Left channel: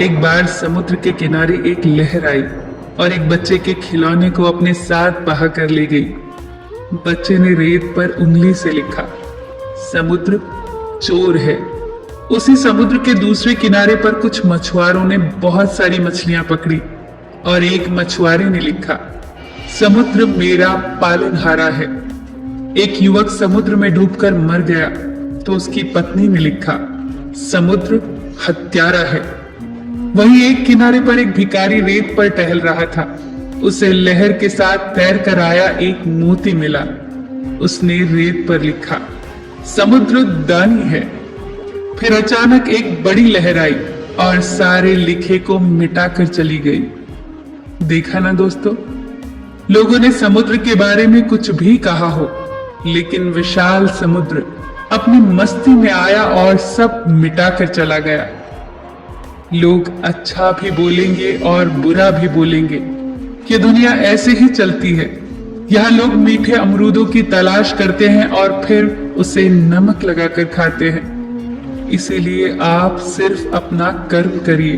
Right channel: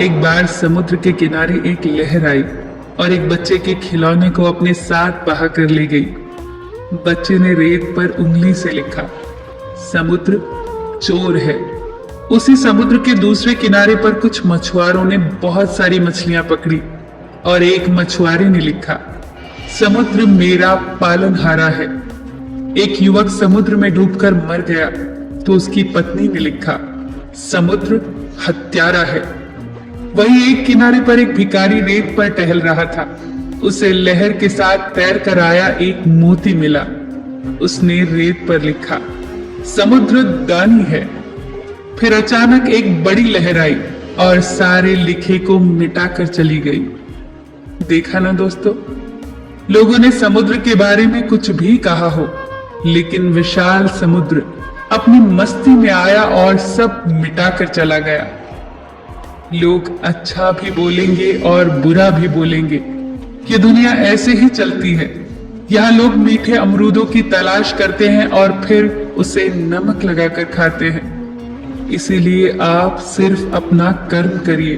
एक बार समुद्र के किनारे एक लहर आई और एक बच्चे के खिलौने को अपने साथ बहा कर ले गई। बच्चे ने रेत पर उंगली से लिखा, समुद्र चोर है। उसी समुद्र के दूसरे किनारे पर कुछ मछुआरों ने बहुत सारी मछलियां पकड़ी और एक मछुआरे ने लिखा, समुद्र मेरा पालनहारा है। एक युवक समुद्र में डूबकर मर गया तो उसकी पत्नी ने लिखा, समुद्र हत्यारा है। वहीं एक किनारे पर एक भिखारी रेत पर टहल रहा था। उसे लहर के साथ तैर कर आया एक मोती मिला। उसने रेत पर लिखा, समुद्र दानी है। फिर अचानक एक बड़ी लहर आई और सारे लिखे को मिटाकर चली गई। देखा ना दोस्तों, लोगों ने समुद्र के बारे में कुछ भी कहा हो, लेकिन विशाल समुद्र अपनी मस्ती में आया और सब मिटाकर चला गया। लोग अच्छा भी बोलेंगे और बुरा भी बोलेंगे। ये दुनिया ऐसे ही चलती है। यहाँ लोग मीठे अमरूदों की तलाश करते हैं और फिर उसे नमक लगाकर खाते हैं। इसीलिए आप सिर्फ अपना कर्म करिए।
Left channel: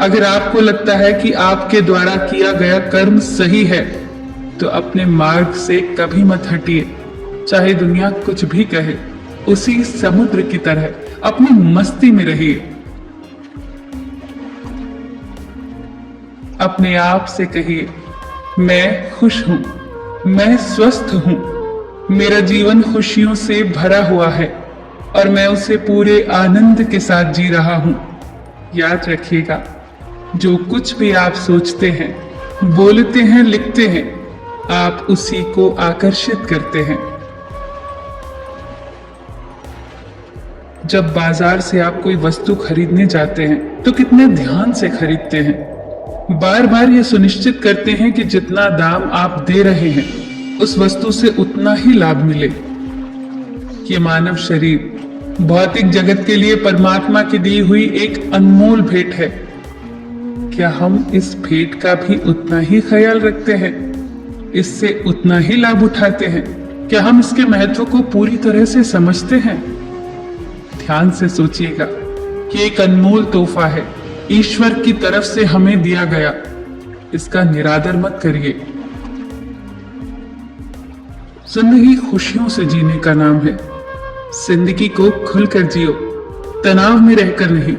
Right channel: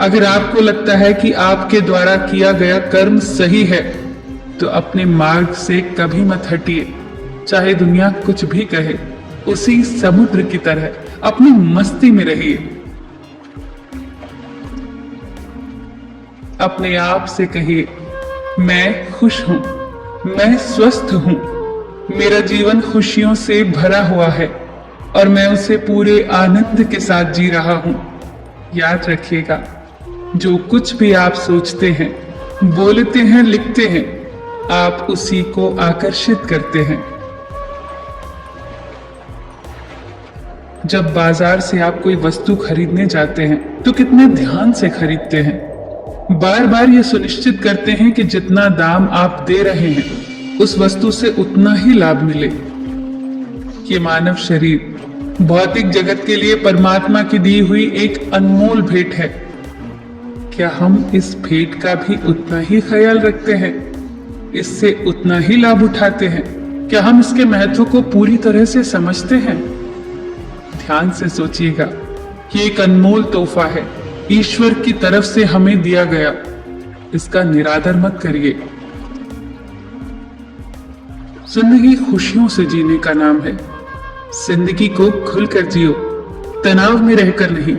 अगर आपको लगता है कि आपके द्वारा किया गया कर्म सही है, तो अपने मार्ग से कभी मत हटिए, चाहे दुनिया कुछ भी कहे। उसी समुद्र की तरह अपनी मस्ती में रहिए। अपने आप से कहिए, मैं खुश हूं, मैं स्वस्थ हूं, मेरा जीवन खुशियों से भरा हुआ है और मैं उसे पूरे आनंद के साथ जी रहा हूं। याद रखिएगा, जो कुछ भी आप सोचते हैं, बोलते हैं, लिखते हैं, आप उसी को आकर्षित करते हैं। जब बाजार से आप कोई वस्तु खरीदने चाहते हैं तो कितने ध्यान से खरीदते हैं। बार बार यह सुनिश्चित करते हैं कि जितना दाम आप दे रहे हैं उस वस्तु से उतना ही लाभ मिले। ये मानव शरीर भौतिक जगत के लिए परमात्मा की दी हुई एक अनमोल भेंट है। क्या हम इस भेंट का भी उतना ही ख्याल रखते हैं? इससे उतना ही लाभ उठाते हैं? क्या हम इसके महत्व को पूरी तरह से समझते हैं? ध्यान से सोचिएगा, ये एक अनमोल तोहफा है, ईश्वर की तरफ से हमें दिया गया। इसका निरादर मत करिए। जिंदगी खुशियों से जीने का नाम है। जिंदगी को खुलकर जियो, तनाव में रहकर नहीं।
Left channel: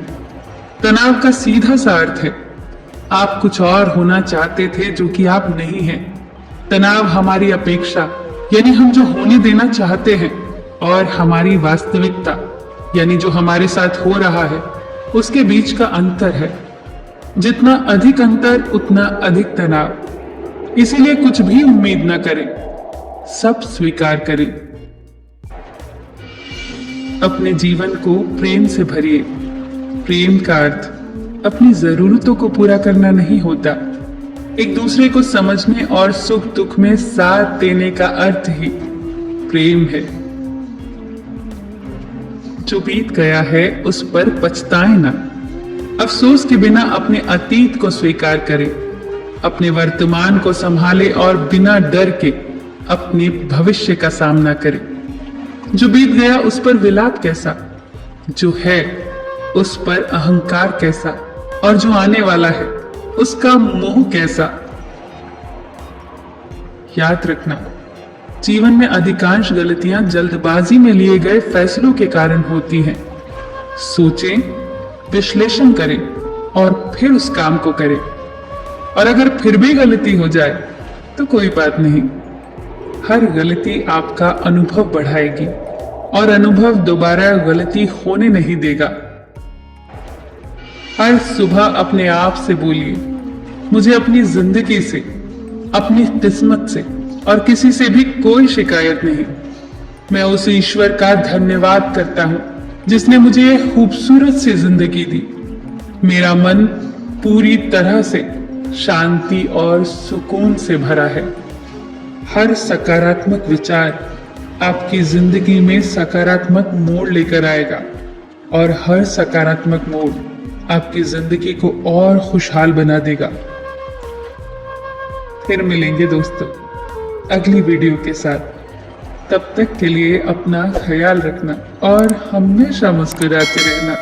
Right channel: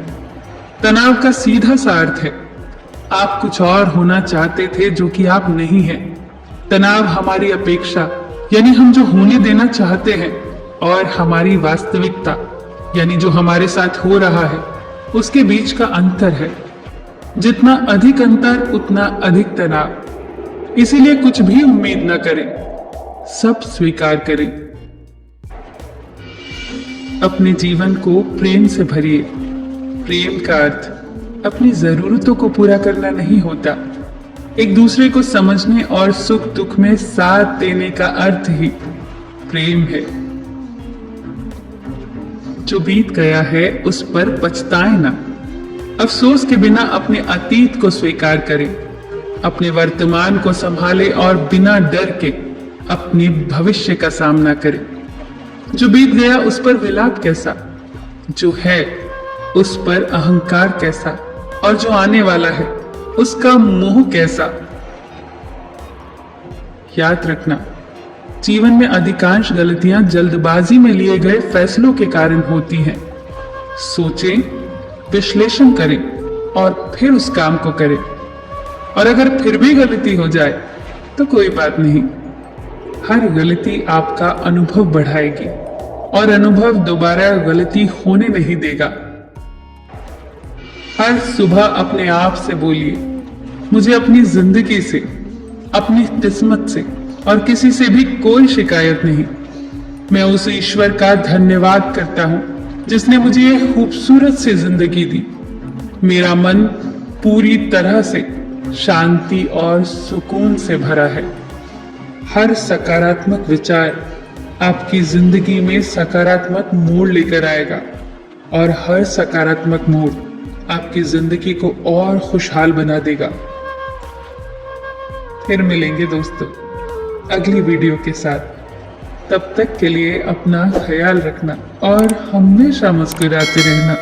तनाव का सीधा सा अर्थ है, आप कुछ और होना चाहते थे जो कि आप नहीं हैं। तनाव हमारी अपेक्षा यानी हम जो होने देना चाहते हैं, और हमारी वास्तविकता यानी जो हमारे साथ हो रहा है, उसके बीच का अंतर है। जितना अधिक अंतर उतना अधिक तनाव। इसीलिए कुछ भी उम्मीद न करें, सब स्वीकार करें। अपने जीवन को प्रेम से भरिए। प्रेम का अर्थ अपनी जरूरतों को पूरा करना नहीं होता। एक दूसरे को समझने और सुख दुख में साथ देने का अर्थ ही प्रेम है। जो बीत गया है उस पर पछताएं ना। अफसोस के बिना अपने अतीत को स्वीकार करें। अपने वर्तमान को संभालें और बिना डर के अपने भविष्य का सामना करें। जो बीत गया उस पर विलाप कैसा, जो है उस पर अहंकार कैसा, और जो आने वाला है उसका मोह कैसा। याद रखना, जीवन में अधिकांश गलतियां जल्दबाजी में लिए गए फैसलों के कारण होती हैं। सोचें, विश्लेषण करें और फिर उस काम को करें। और अगर फिर भी गलती हो जाए तो कोई बात नहीं। हर गलती आपका अनुभव बढ़ाएगी और अनुभव दोबारा गलती होने नहीं देगा। हर सुबह अपने आप से बोलिए, मुझे अपनी जिंदगी से, अपनी किस्मत से और किसी से भी कोई शिकायत नहीं। मैं उस ईश्वर का धन्यवाद करता हूं जिसने मुझे ये खूबसूरत सी जिंदगी दी। मेरा मन पूरी तरह से शांति और सुकून से भरा है। हर सकारात्मक विचार आपकी जिंदगी में सकारात्मक मोड़ लेकर आएगा और हर सकारात्मक मोड़ आपकी जिंदगी को और खुशहाल बना देगा। फिर मिलेंगे दोस्तों अगली वीडियो के साथ। तब तक के लिए अपना ख्याल रखना और हमेशा मुस्कुराते रहना।